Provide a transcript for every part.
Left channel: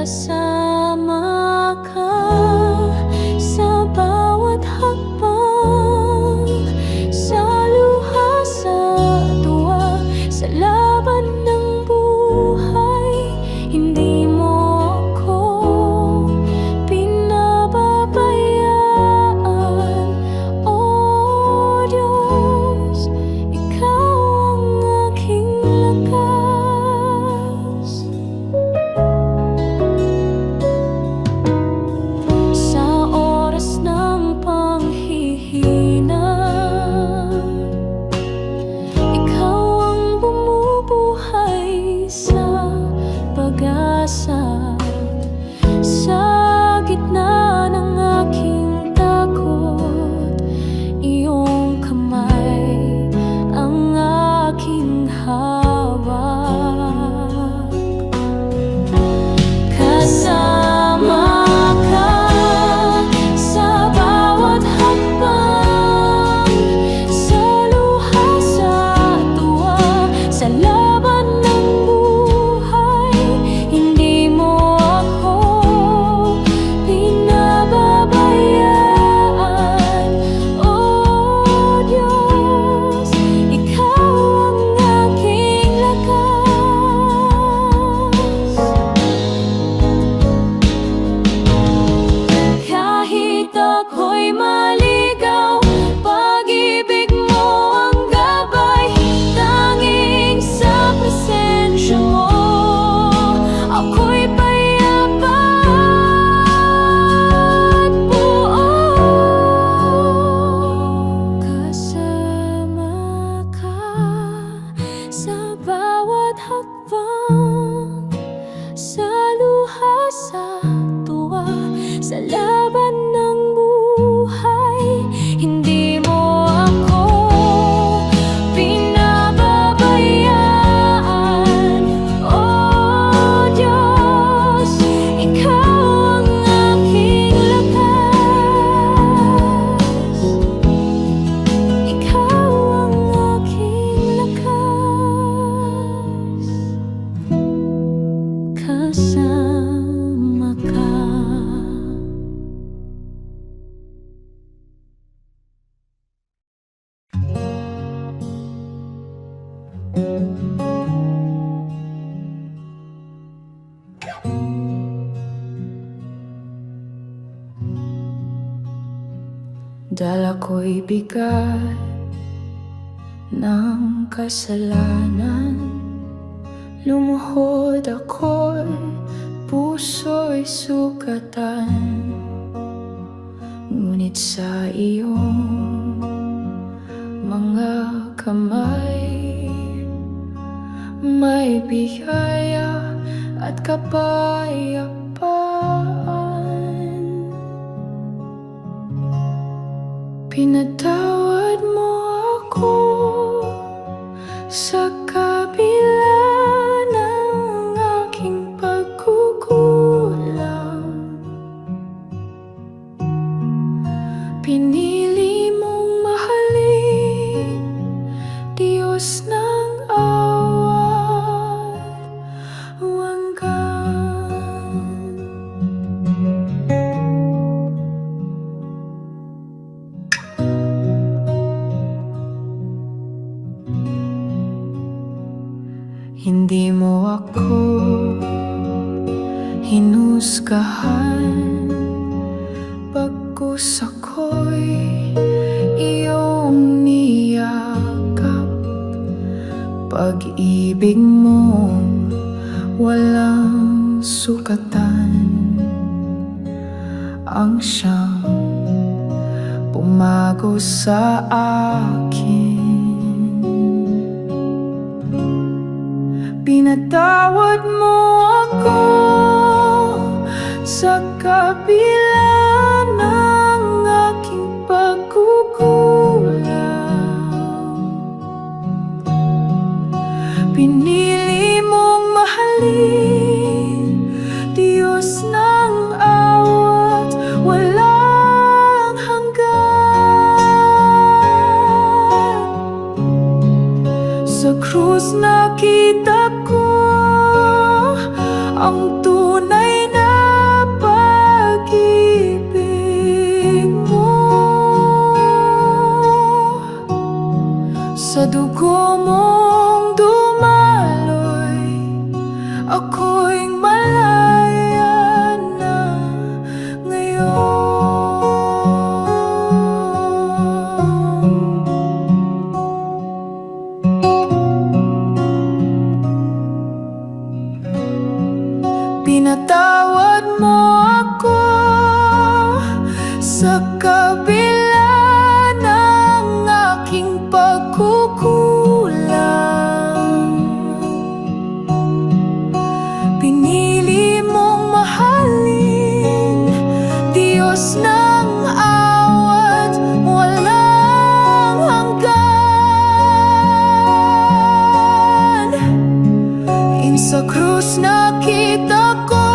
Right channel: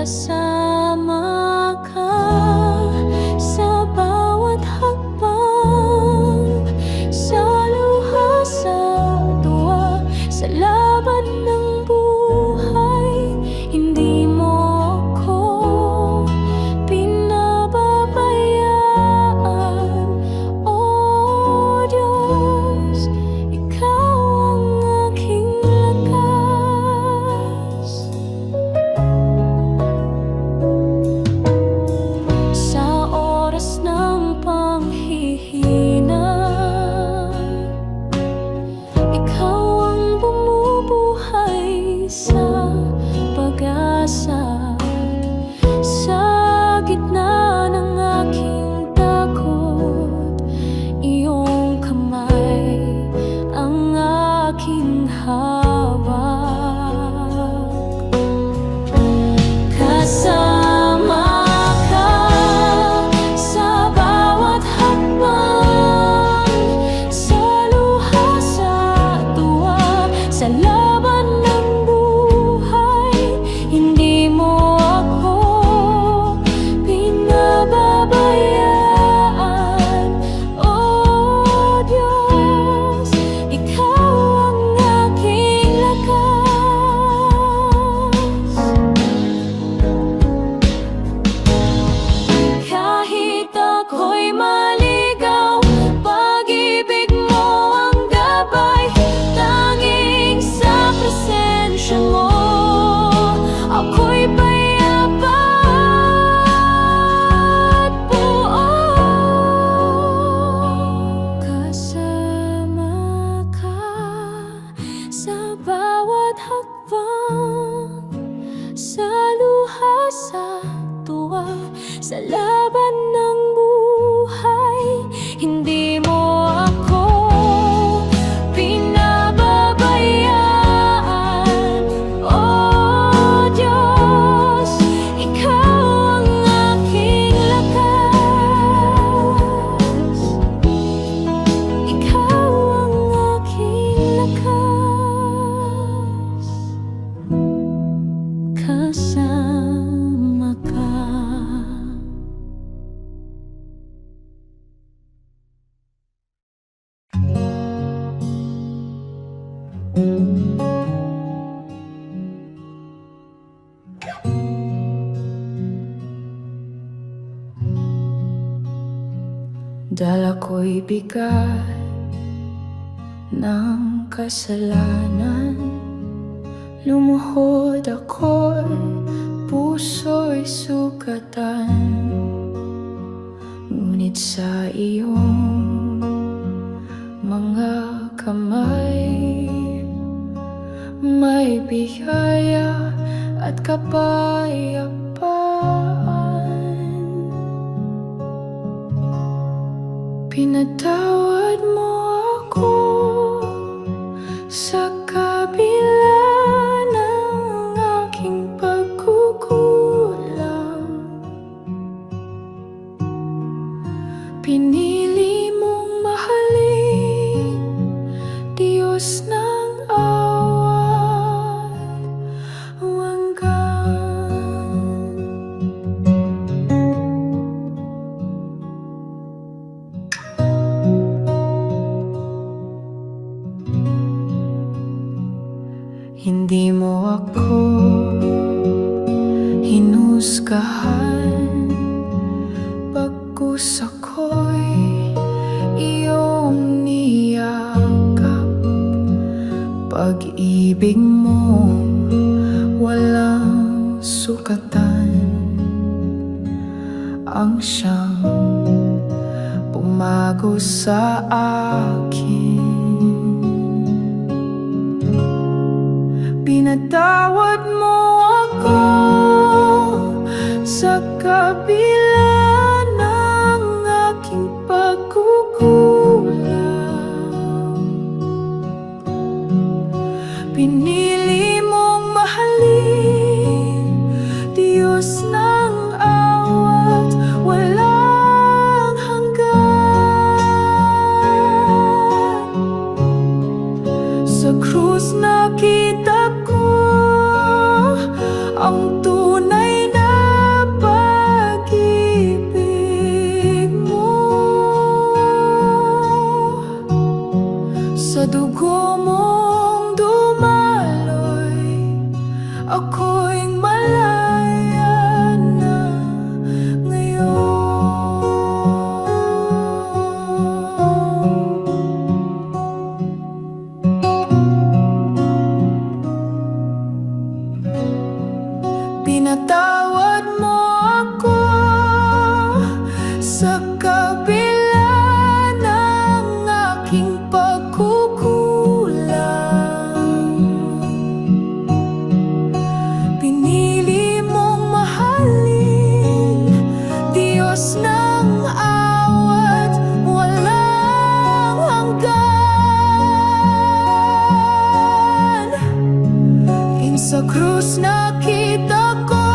Kasama ka sa bawat hakbang, sa luha, sa tuwa, sa laban ng buhay. Hindi mo ako pinababayaan, O Diyos, Ikaw ang aking lakas. Sa oras ng panghihina, Ikaw ang bumubuhay sa pag-asa. Sa gitna ng aking takot, iyong kamay ang aking hawak. Kasama ka sa bawat hakbang, sa luha, sa tuwa, sa laban ng buhay. Hindi mo ako pinababayaan, O Diyos, Ikaw ang aking lakas. Kahit ako'y maligaw, pag-ibig mo ang gabay. Tanging sa presensya mo, ako'y payapa at buo. Kasama ka sa bawat hakbang, sa luha, sa tuwa, sa laban ng buhay. Hindi mo ako pinababayaan, O Diyos, Ikaw ang aking lakas. Ikaw ang aking lakas. Kasama ka. Dala ko'y bigat ng kasalanan, lumuhod ako'y puso'y sugatan. Ngunit sa iyong mga kamay, may biyaya at kapayapaan. Pinatawad mo ako sa kabila ng aking pagkukulang. Pinili mong mahalin, Diyos ng awat wagan. Hindi mo ako hinusgahan, bagkus ako'y iyong niyakap. Pag-ibig mo walang sukatan, ang siyang pumago sa akin. Pinatawad mo ako sa kabila ng aking pagkukulang. Pinili mong mahalin, Diyos ng awat walang hanggan. Sa krus nakita ko ang tunay na ako'y malaya na ngayon. Pinatawad mo ako sa kabila ng aking pagkukulang. Pinili mong mahalin, Diyos ng awat walang hanggan. Sa krus nakita ko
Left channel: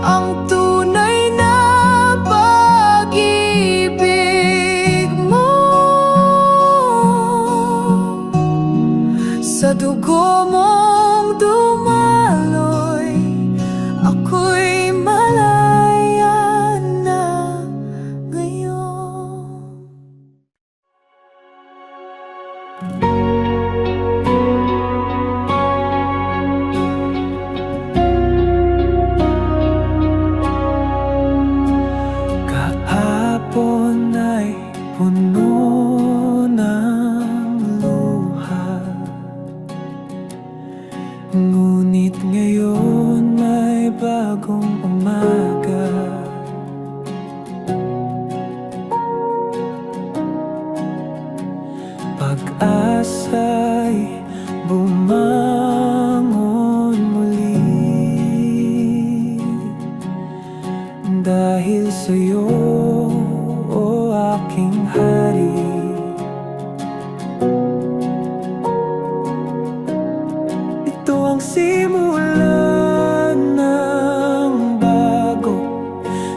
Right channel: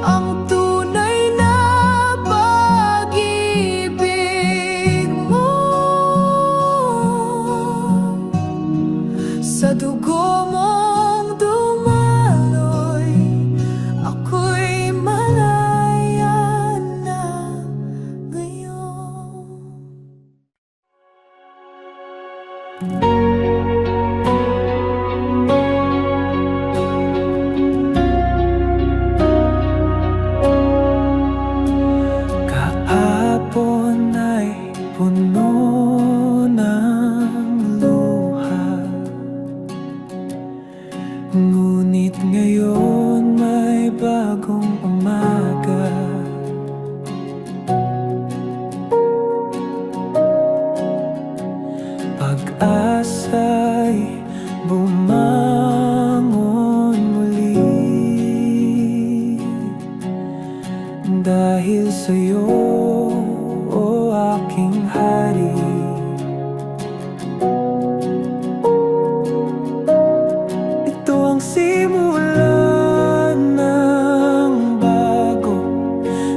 ang tunay na pag-ibig mo. Sa dugo mong dumaloy, ako'y malaya na ngayon. Kahapon ay puno ng luha, ngunit ngayon may bagong umaga. Pag-asa'y bumangon muli dahil sa'yo, o aking hari. Ito ang simula ng bago,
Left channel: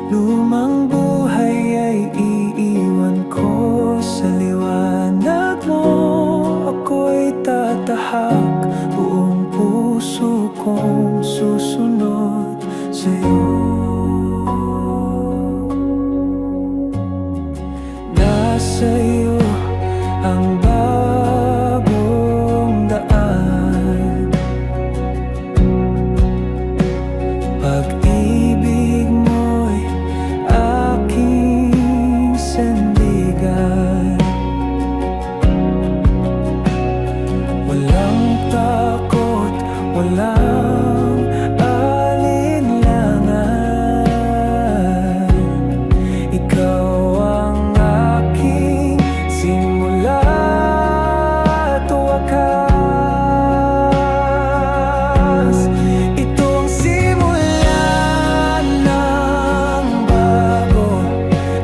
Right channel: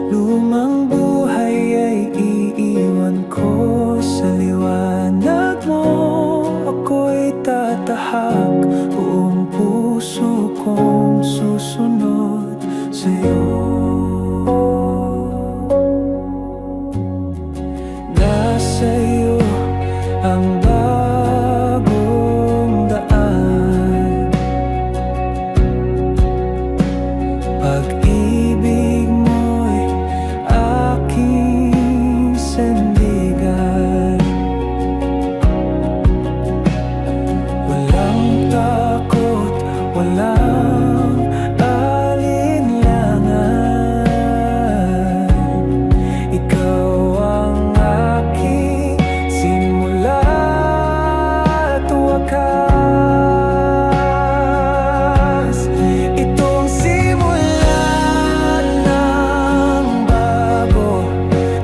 lumang buhay ay iiwan ko sa liwanag mo. Ako'y tatahak, buong puso kong susunod sa'yo. Sa'yo ang bagong daan, pag-ibig mo'y aking sandigan. Walang takot, walang alinlangan, ikaw ang simula at wakas. Ito ang simula ng bago,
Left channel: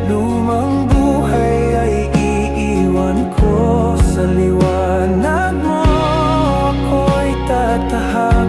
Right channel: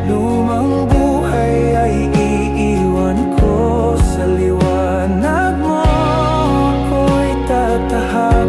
lumang buhay ay iiwan ko sa liwanag mo. Ako'y tatahak,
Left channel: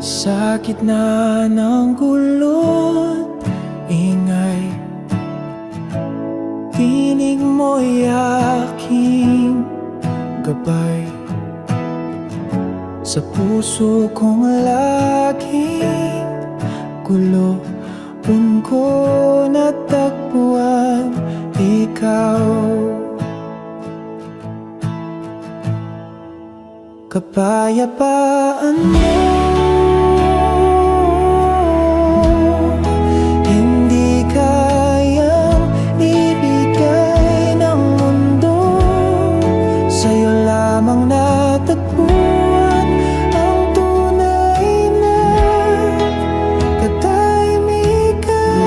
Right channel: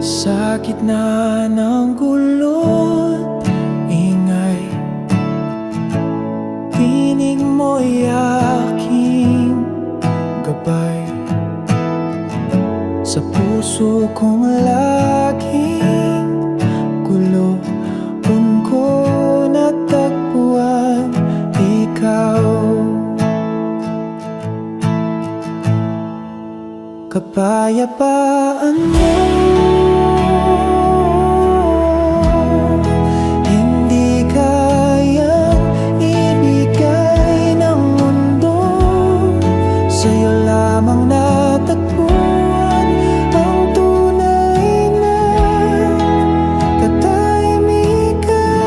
Sa gitna ng gulo't ingay, tinig mo'y aking gabay. Sa puso kong laging gulo, dun ko natagpuan ikaw. Kapayapaan mo, hindi kayang ibigay ng mundo. Sa'yo lamang natagpuan ang tunay na katahimikan.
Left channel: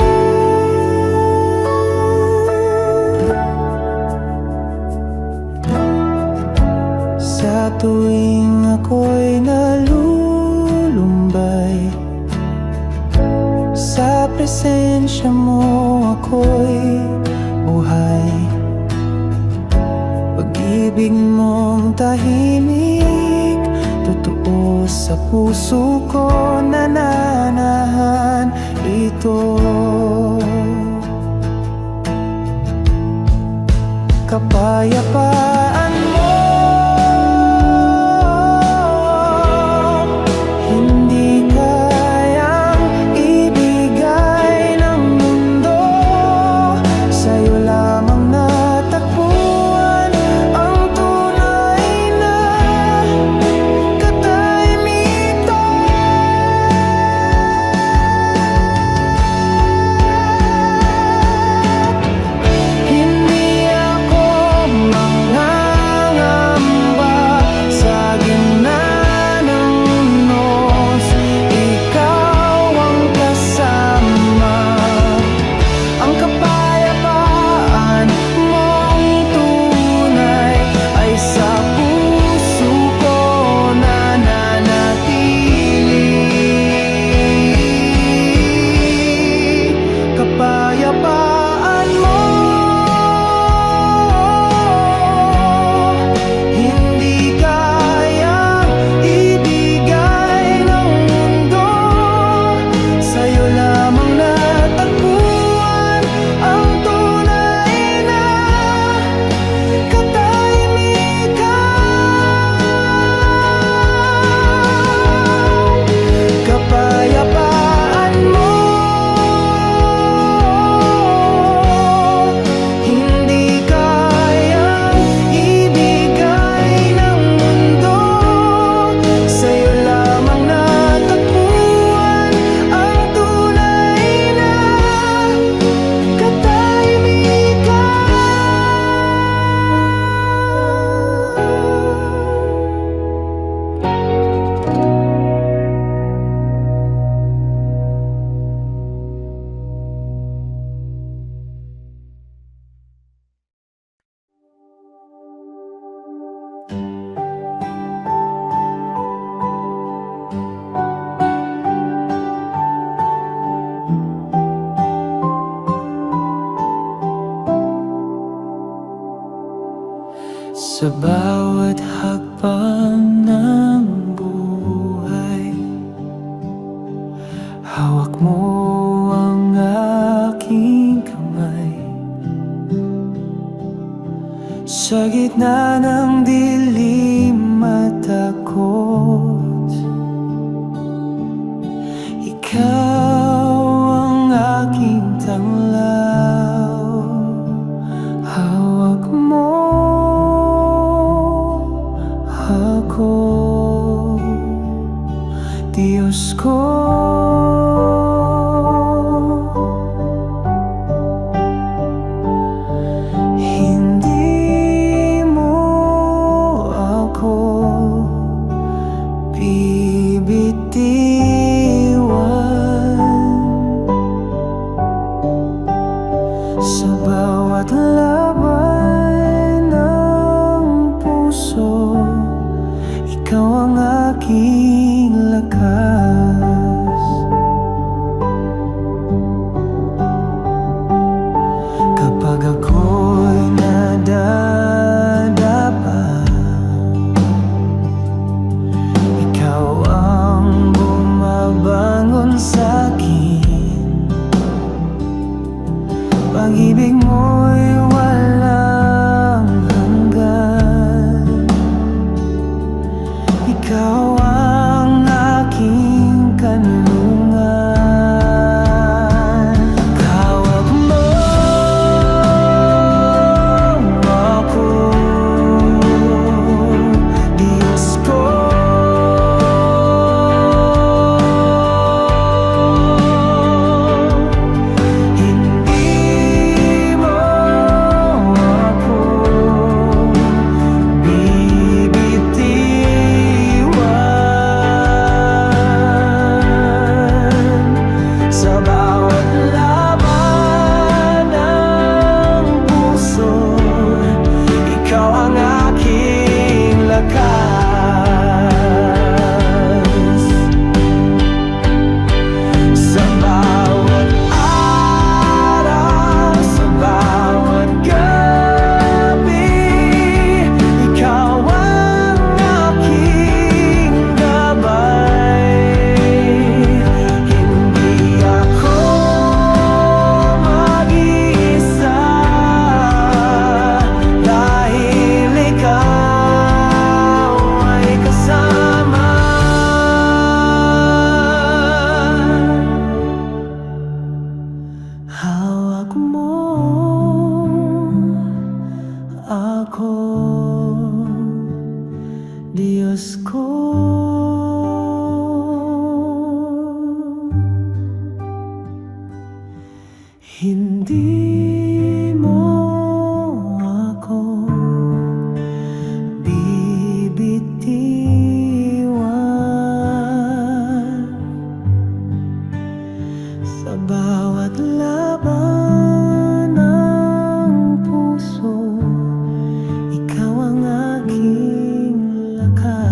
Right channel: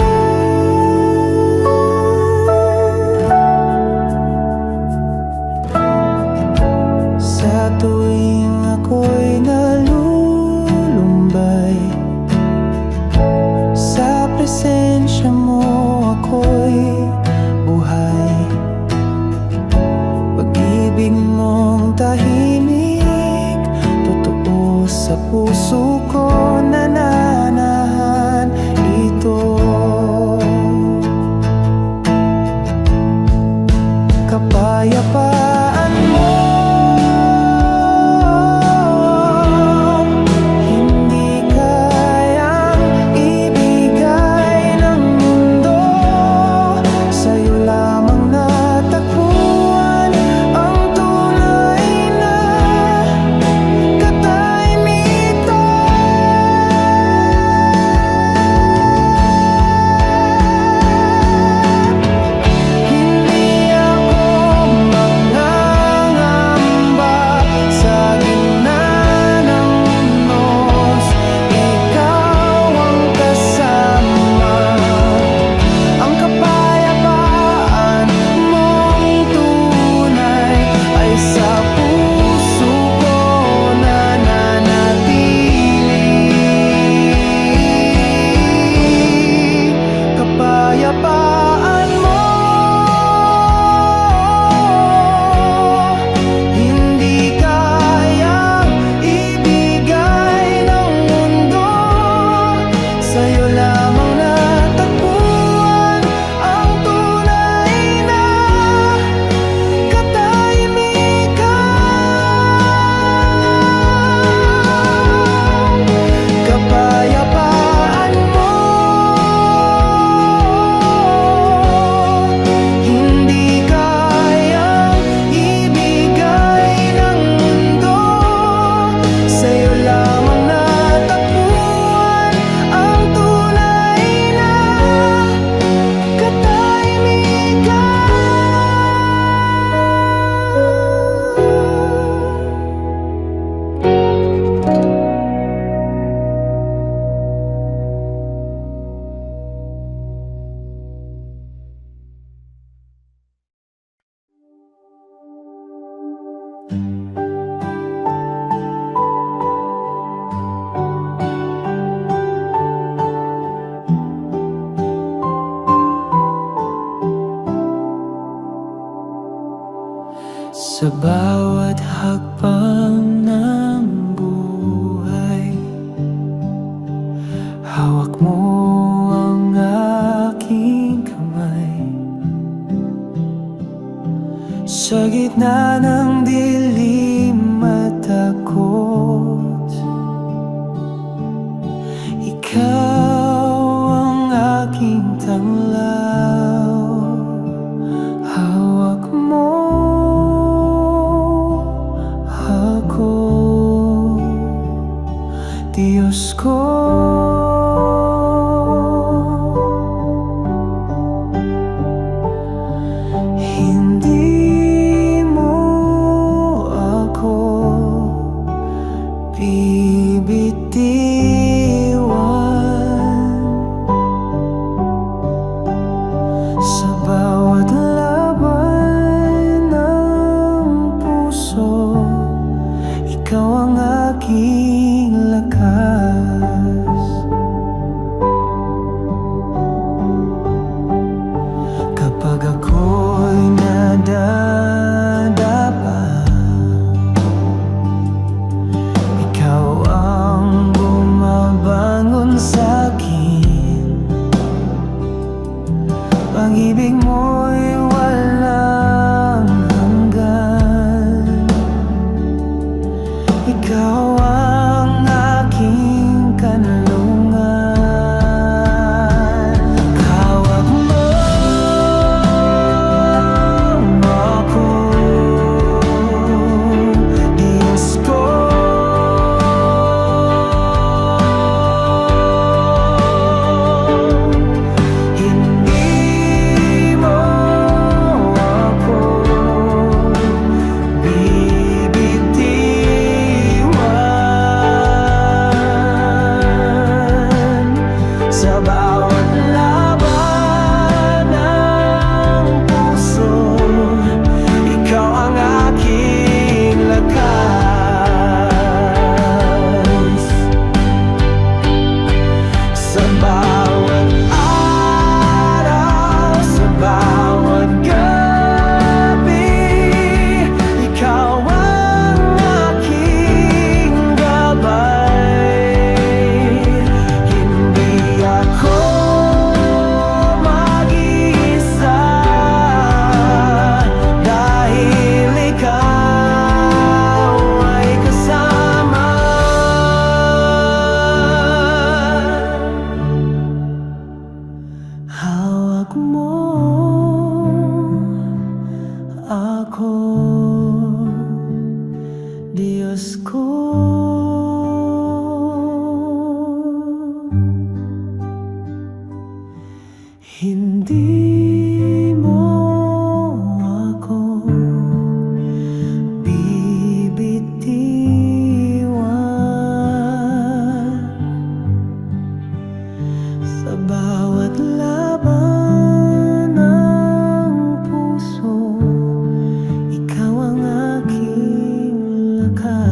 Sa tuwing ako'y nalulumbay, sa presensya mo ako'y buhay. Pag-ibig mong tahimik, totoo sa puso ko, nananahan ito. Kapayapaan mo, hindi kayang ibigay ng mundo. Sa'yo lamang natagpuan ang tunay na katahimikan. Hindi ako mangangamba sa gitna ng unos, ikaw ang kasama. Ang kapayapaan mong tunay ay sa puso ko nananatili. Kapayapaan mo, hindi kayang ibigay ng mundo. Sa'yo lamang natagpuan ang tunay na katahimikan. Kapayapaan mo, hindi kayang ibigay ng mundo. Sa'yo lamang natagpuan ang tunay na sa bawat hakbang ng buhay, hawak mo ang aking kamay. Sa gitna ng dilim at takot, ikaw ang aking tanglaw. Hawak mo ako, Diyos ko. Hindi mo ako bibitiwan. Sa bawat laban ng puso, ikaw ang aking lakas. Pag-ibig mo'y walang hanggan. Ikaw ang aking kanlungan. Hawak mo ako, Diyos ko. Hindi mo ako bibitiwan. Sa bawat laban ng puso, ikaw ang aking lakas. Sa bawat araw, sa bawat gabi, ikaw ang aking gabay. Hindi ako mag-isa, dahil ikaw ay kasama. Hawak mo ako, Diyos ko. Hindi mo ako bibitiwan. Sa bawat laban ng puso, ikaw ang aking lakas.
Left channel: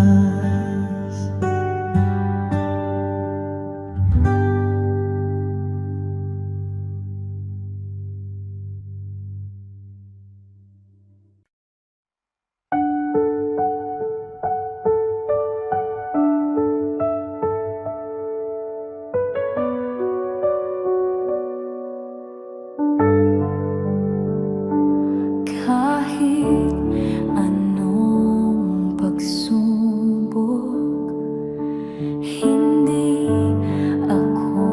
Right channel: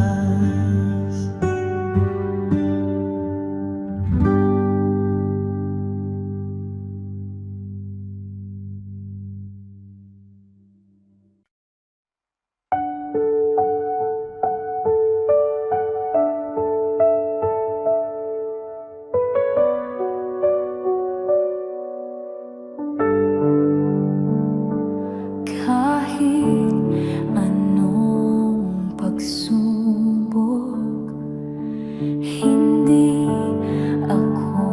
Kahit anong pagsubok, hindi ako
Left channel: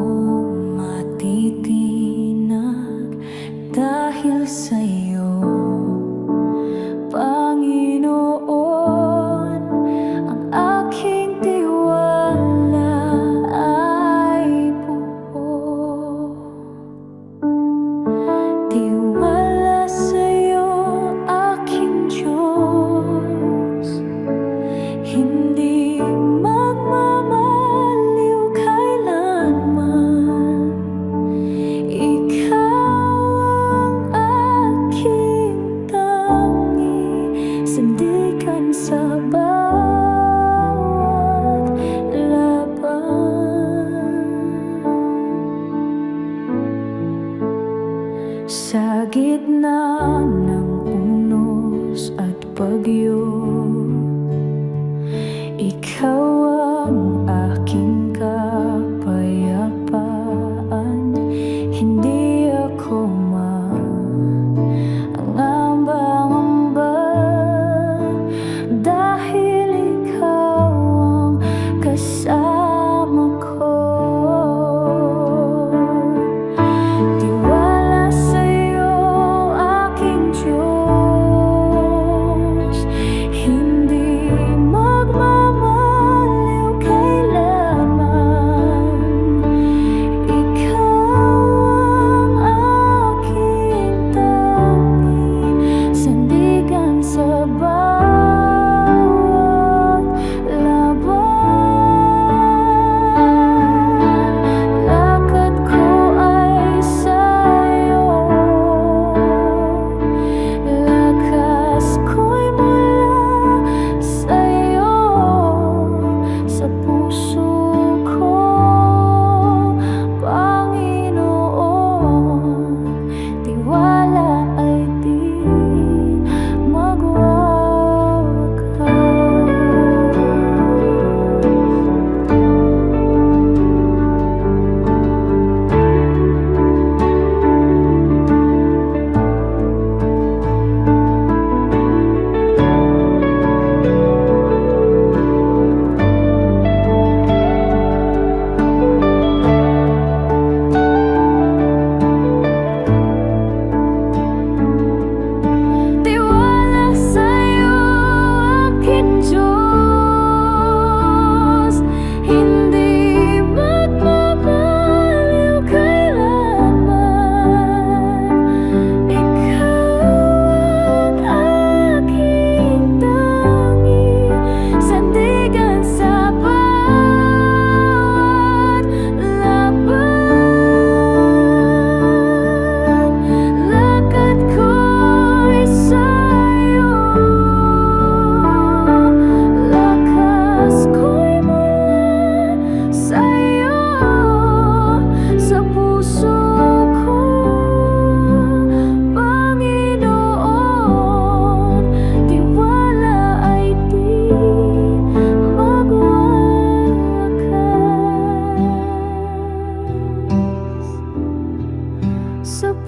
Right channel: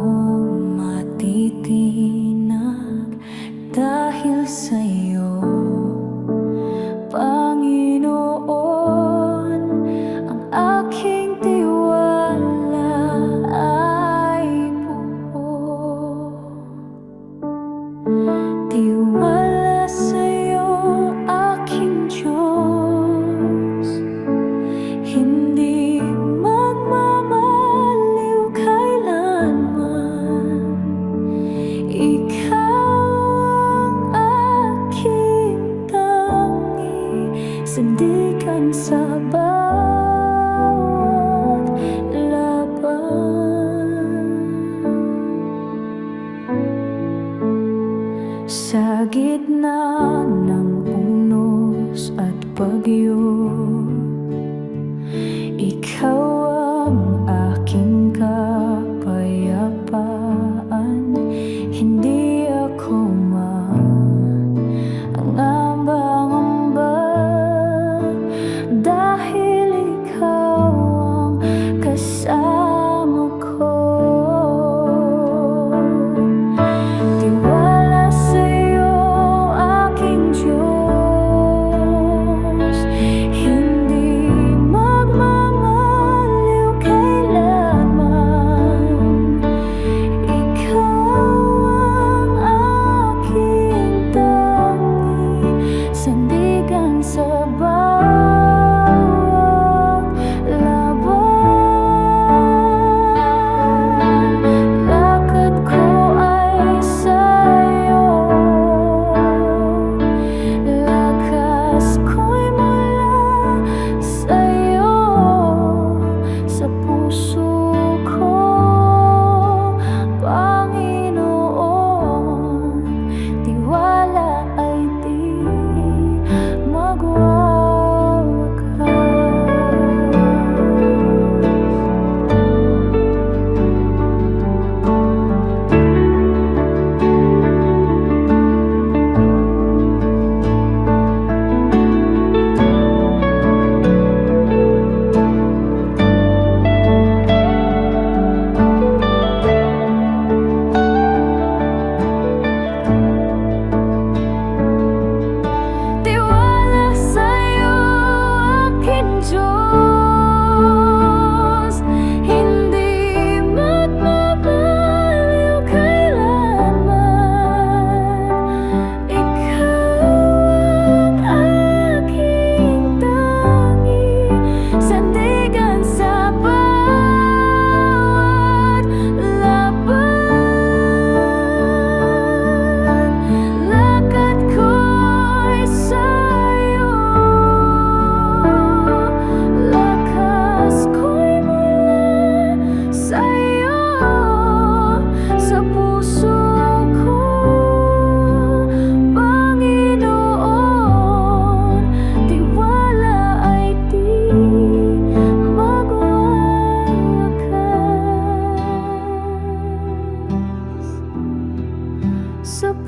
matitinag dahil sa'yo, Panginoon. Ang aking tiwala ay buo. Tiwala sa'yo, aking Diyos. Hindi magmamaliw kailanman. Ikaw ang aking tangi, sandigan sa bawat laban. Sa gitna ng unos at bagyo, ikaw ang aking kapayapaan. Hindi ako mangamba-ngamba, dahil ikaw ang kasama ko. Tiwala sa'yo, aking Diyos. Hindi magmamaliw kailanman. Ikaw ang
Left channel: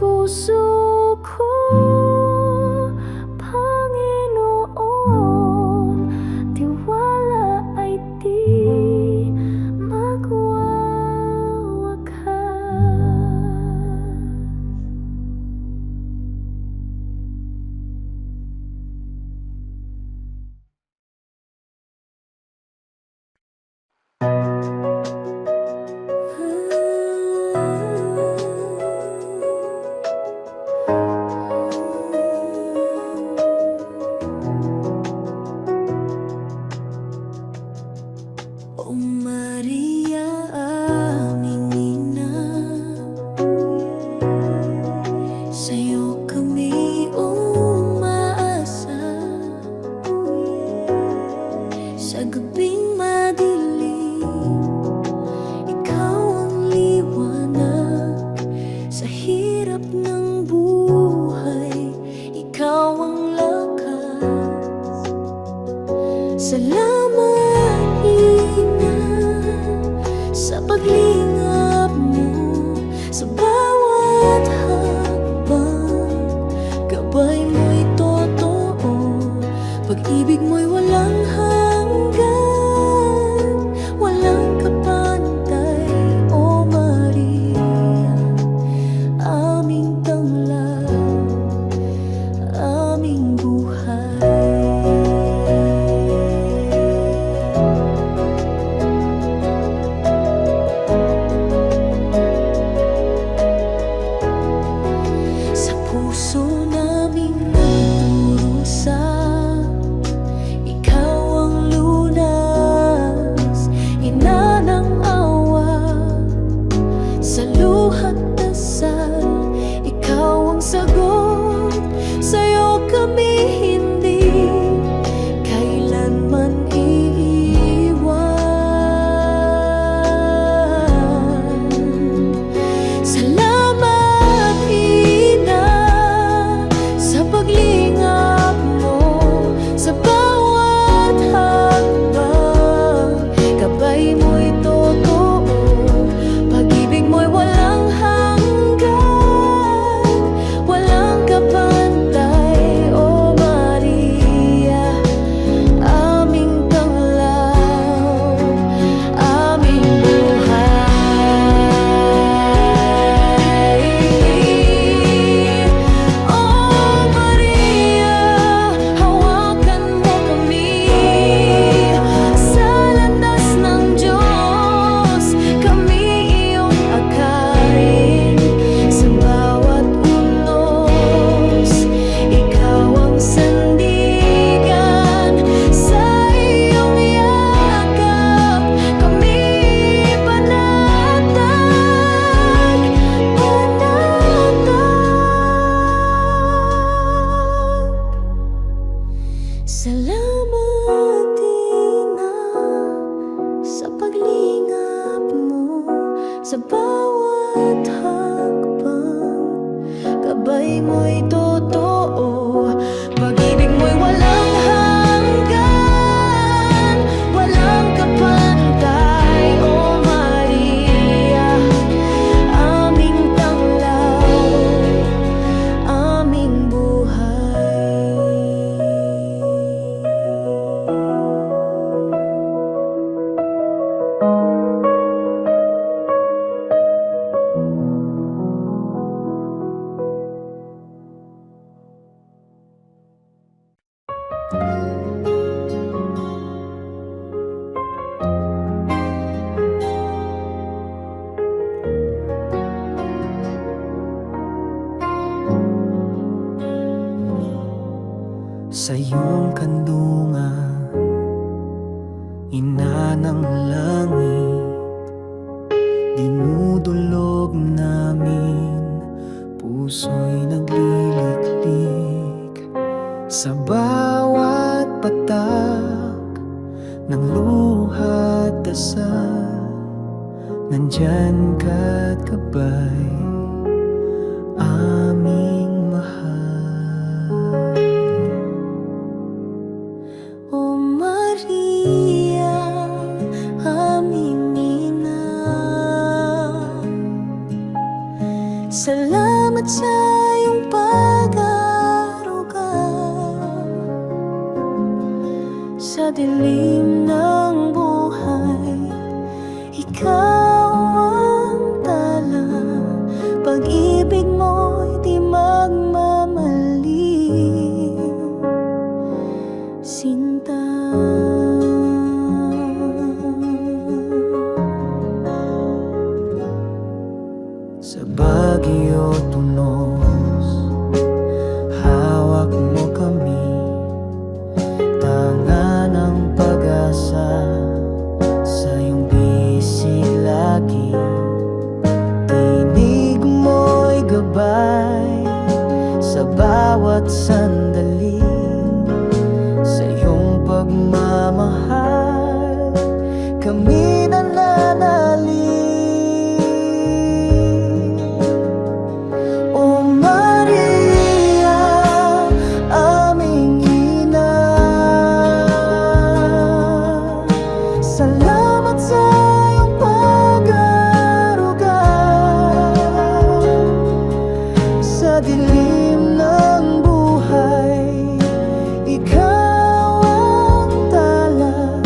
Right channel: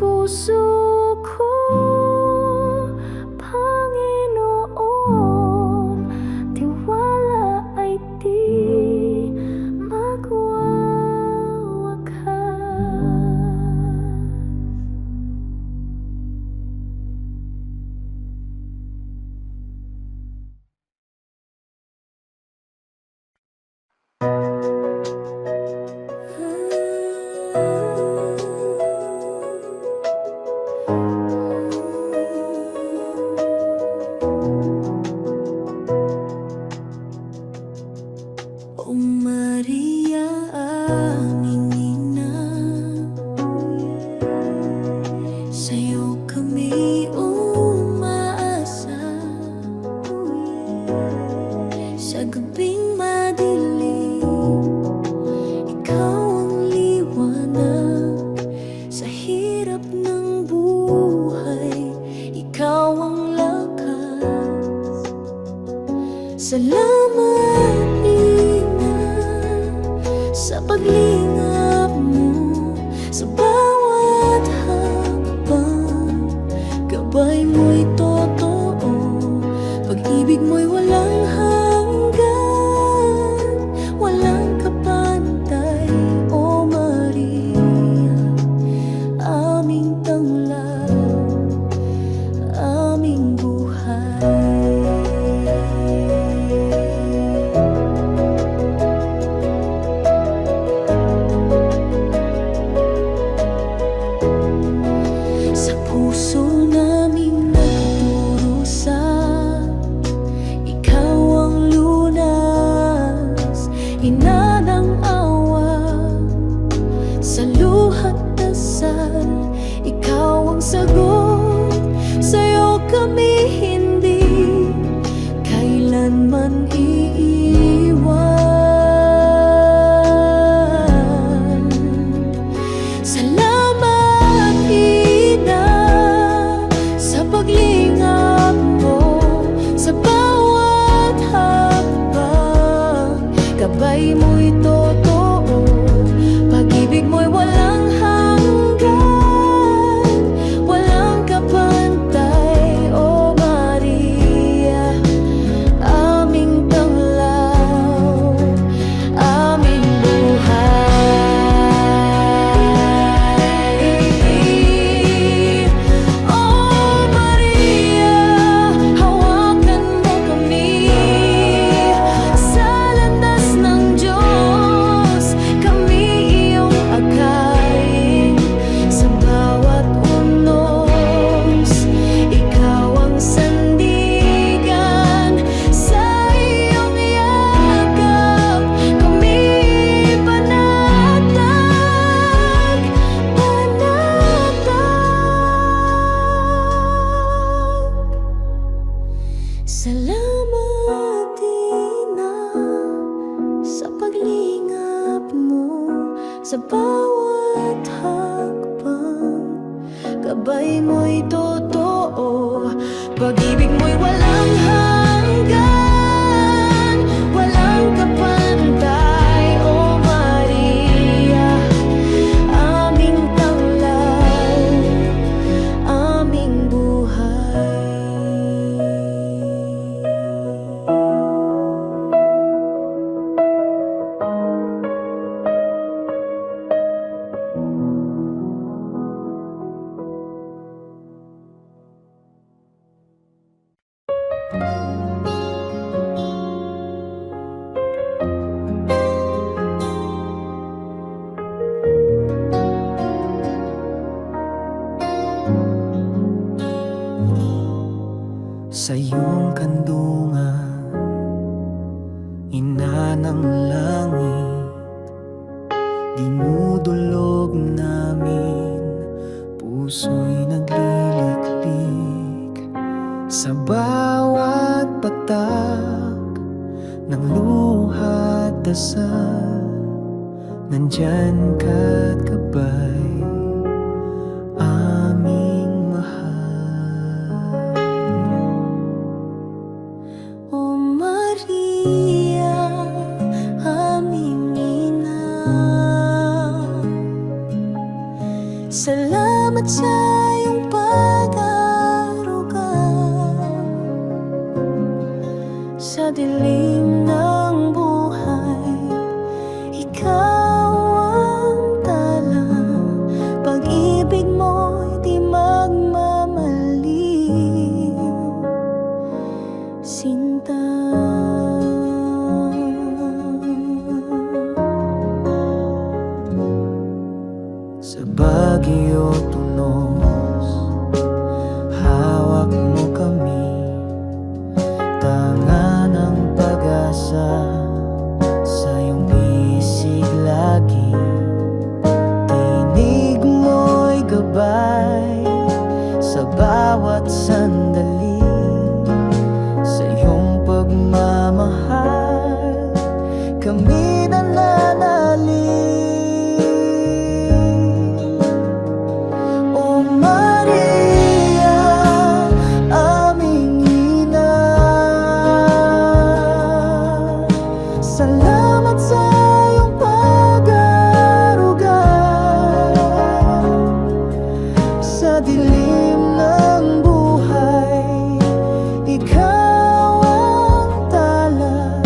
puso ko, Panginoon, tiwala ay di magwawakas. O Maria, aming ina, sa'yo kami umaasa. Sa gabing madilim, ikaw ang liwanag. Sa hirap ng buhay, ikaw ang lakas. Salamat, Ina, sa paglingap mo. Sa bawat hakbang, gabay mo'y totoo. Pag-ibig mo'y walang hanggan, walang kapantay. O Maria, aming tanglaw, aming buhay. Sa puso naming nagdurusa, ikaw ang lunas, ina ng awa. Sa luhat dasal, ikaw ang sagot. Sa'yo kami hindi kailanman iiwan. Salamat, Ina, sa paglingap mo. Sa bawat hakbang, gabay mo'y totoo. Pag-ibig mo'y walang hanggan, walang kapantay. O Maria, aming tanglaw, aming buhay. O Maria, hawakan mo kami sa landas ng Diyos. Kami iyong akayin sa bawat unos. Ikaw ang sandigan sa iyong yakap. Kami panatag, panatag. Salamat, Ina, sa paglingap mo. Sa bawat hakbang, gabay mo'y totoo. Pag-ibig mo'y walang hanggan, walang kapantay. O Maria, aming tanglaw, aming buhay. Sa iyong kandungan, ina ng langit, dinudulog namin, puso'y nagliliklik. Sa bawat patak ng luha't dasal, nandyan ka't gabay, aming mahal. O Maria, aming ina, Salamat sa iyong pag-aaruga sa dilim ng buhay. Ikaw ang tala, pag-ibig mo'y di magmamaliw. Sinta, sa Baguio tunos, hawak mo kami, tanga ng pag-asa. Sa iyong bisig lagi, tinig mo'y gabay sa bawat sandali. Sa iyong pagmamahal, kami nananalig. O Maria, aming ina, salamat sa iyong pag-aaruga sa dilim ng buhay. Ikaw ang tala,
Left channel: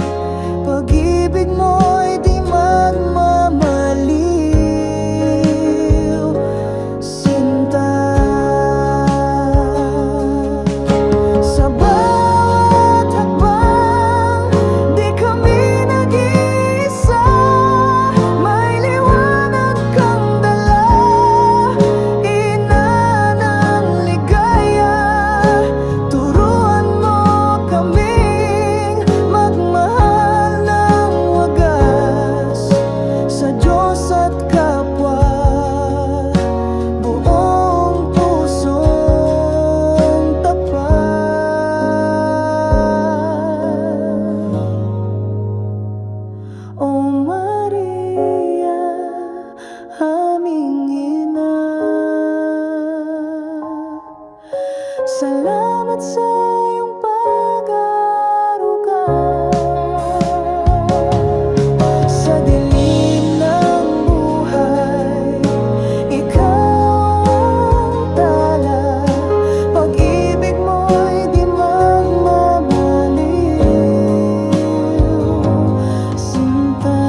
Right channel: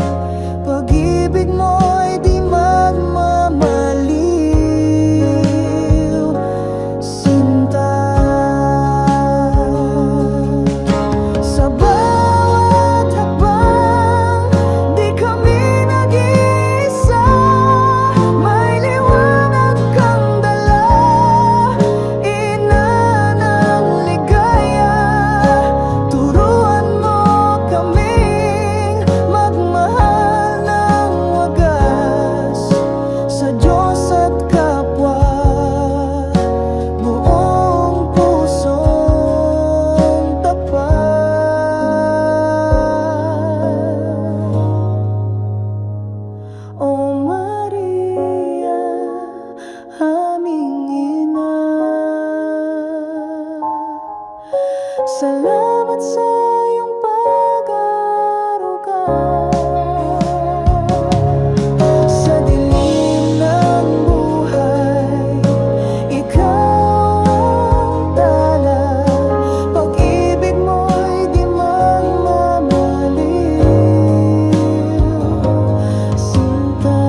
pag-ibig mo'y di magmamaliw. Sinta, sa bawat hakbang, di kami nag-iisa. May liwanag kang dala, ina ng ligaya. Turuan mo kaming magmahal ng wagas sa Diyos at kapwa. Buong pusong tapat. O Maria, aming ina, salamat sa iyong pag-aaruga sa dilim ng buhay. Ikaw ang tala, pag-ibig mo'y di magmamaliw. Sinta,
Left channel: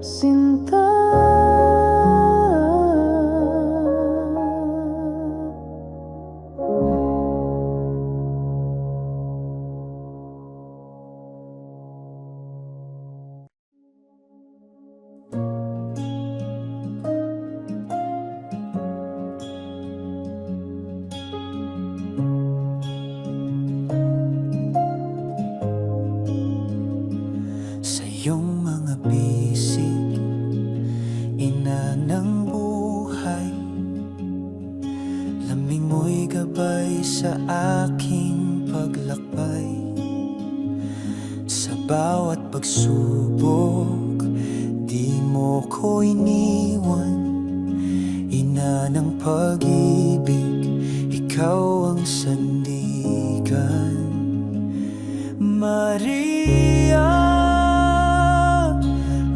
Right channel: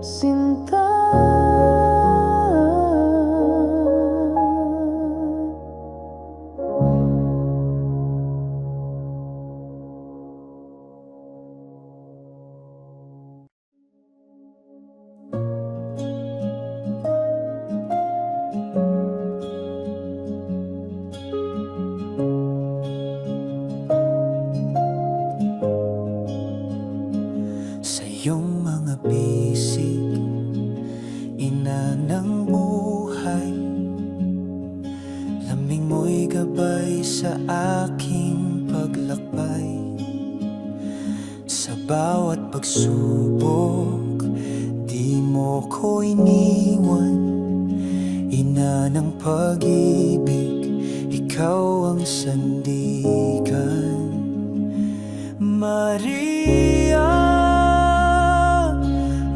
Sinta. Sa iyong mga bisig, ina ng buhay, lamig mo'y gabay sa aking paglakbay. Sa bawat pagsubok, di mo ko iniwan. Ina ng pag-ibig, ikaw ang sandigan. Maria,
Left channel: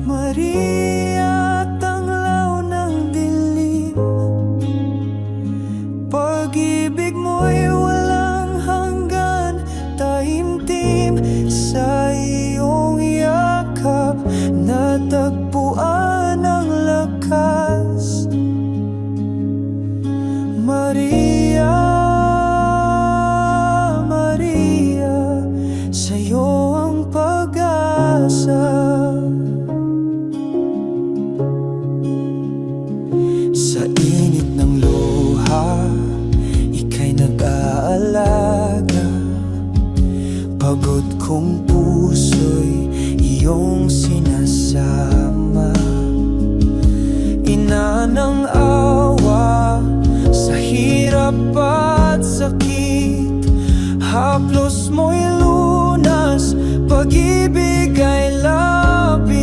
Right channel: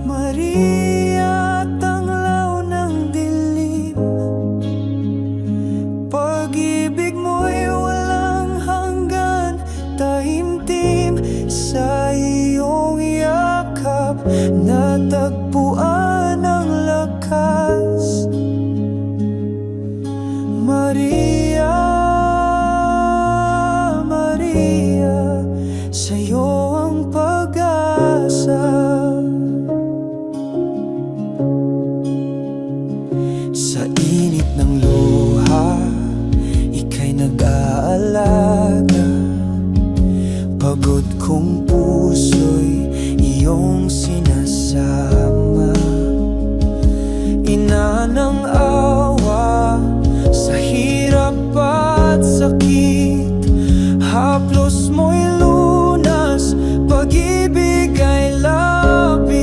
Maria, tanglaw ng dilim, pag-ibig mo'y walang hanggan. Taimtim sa iyong yakap, natagpuan ang lakas. Maria, Maria, sa'yo ang pag-asa. Sa init ng luha, ika'y nag-aalaga. Pagod kong puso'y iyong sinasama. Ina ng awa, sa hirap at sakit, haplos mo'y lunas, pag-ibig ay labis.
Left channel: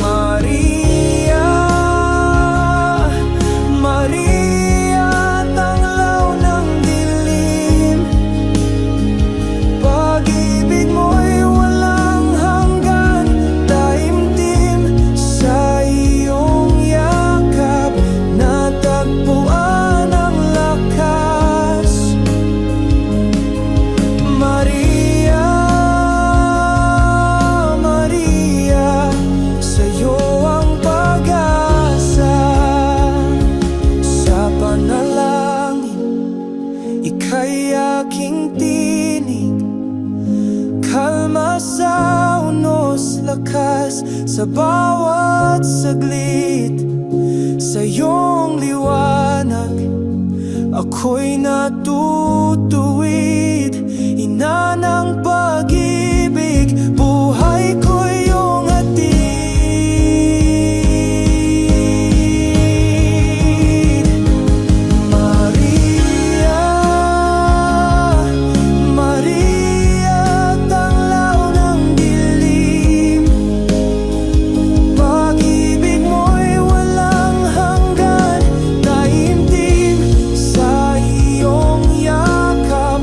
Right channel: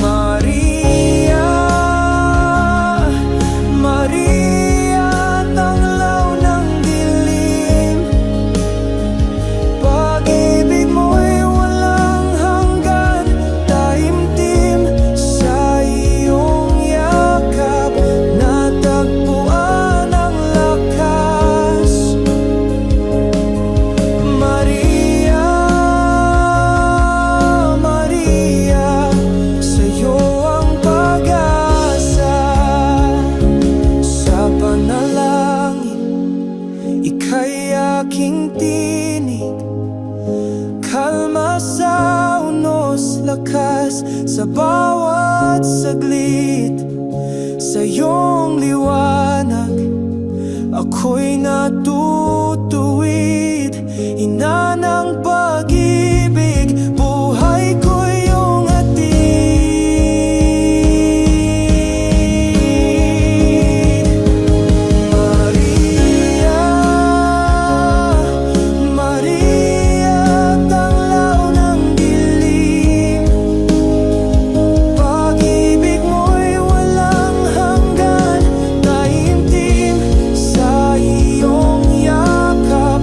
Maria, Maria, tanglaw ng dilim, pag-ibig mo'y walang hanggan. lakas sa bawat saglit. Sa iyong liwanag ako'y natutuwid. Ina ng pag-ibig, buhay ko iyong hatid. Maria, Maria, tanglaw ng dilim. Pag-ibig mo'y walang hanggan, taimtim sa iyong yakap.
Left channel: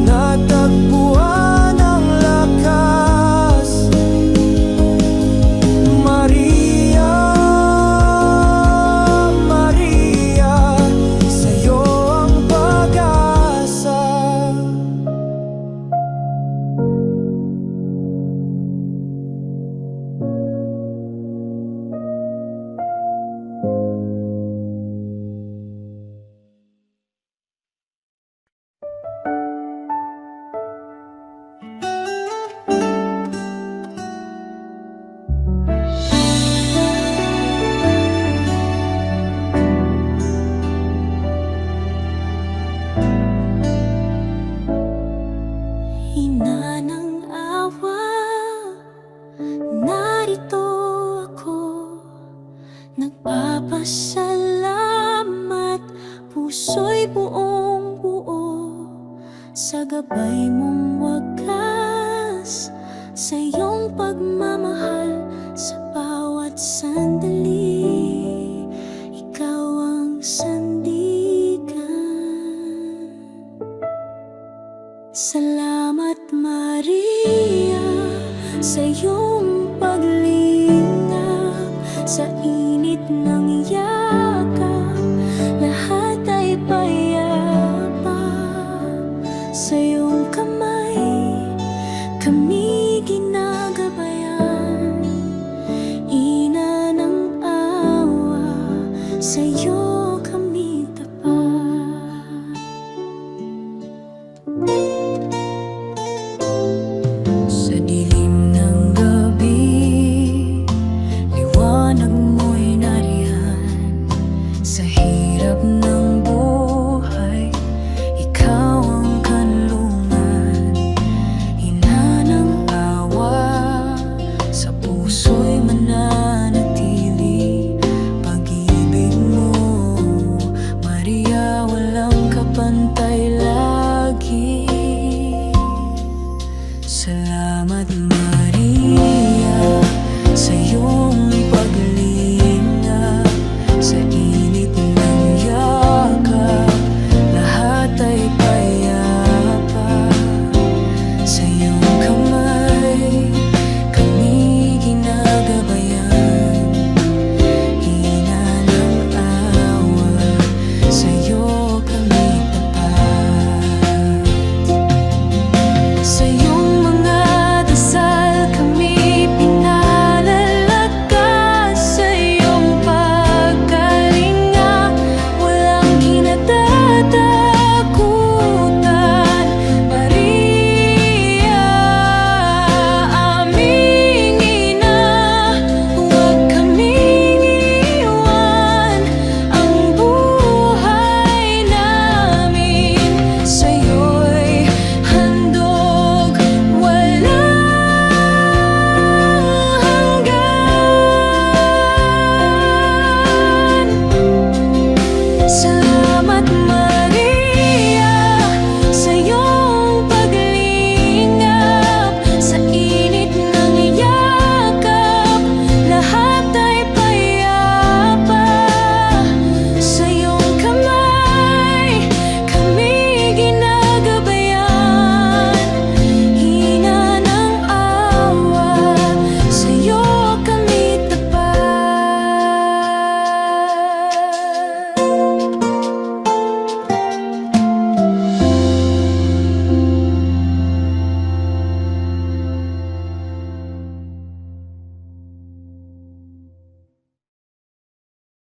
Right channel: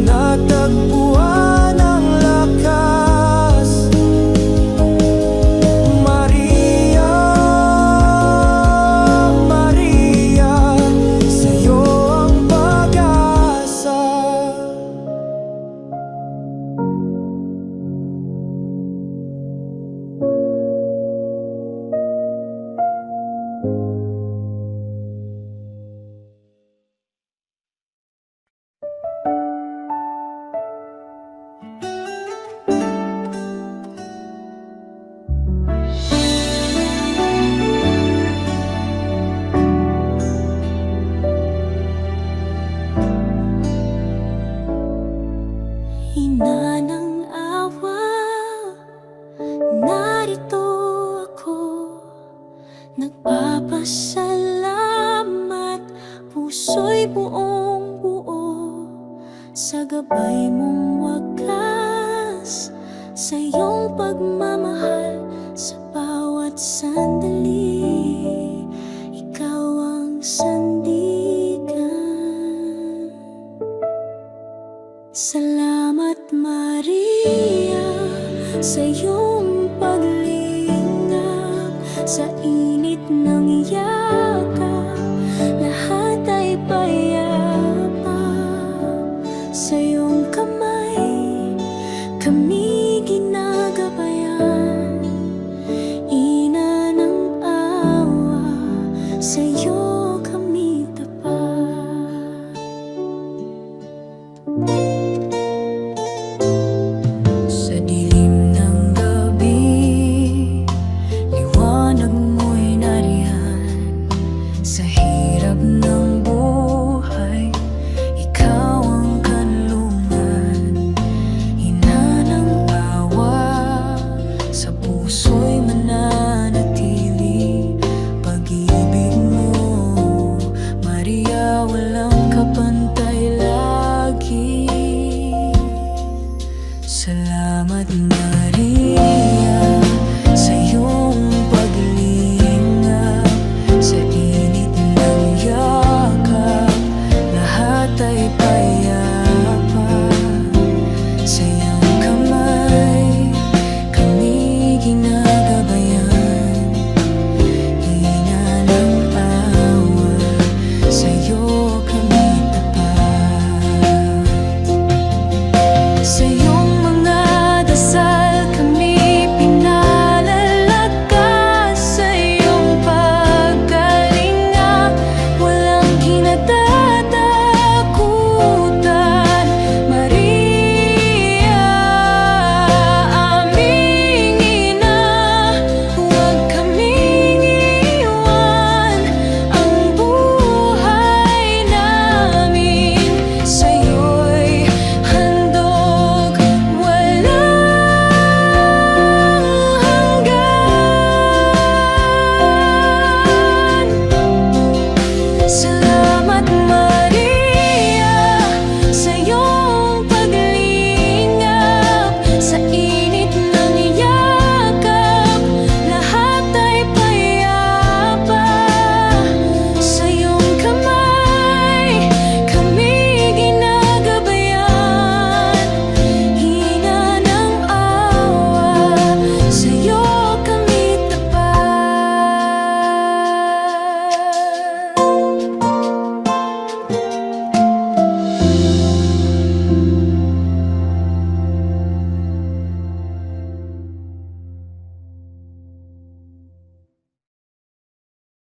Natagpuan ang lakas. Maria, Maria, sa'yo ang pag-asa. Ina ng awa, narito ako, nagpapasalamat, puso'y buong buo sa gabay mong wagas, sa iyong pagmamahal sa bawat sandali. Ikaw ang sandigan. Salamat Maria sa iyong paglingap, sa init ng yakap, lahat ay payapa. Sa iyong kamay kami ginagabayan. Ina ng awa, sa iyo kami tapat. Sa dilim ng gabi, liwanag mo'y nariyan. Sa hirap ng buhay, ikaw ang kanlungan. Ina ng awa, sa puso'y mananatili. Pag-ibig mo, Maria, walang kapantay lagi. Salamat Maria sa iyong paglingap, sa init ng yakap, lahat ay payapa. Sa iyong kamay kami ginagabayan.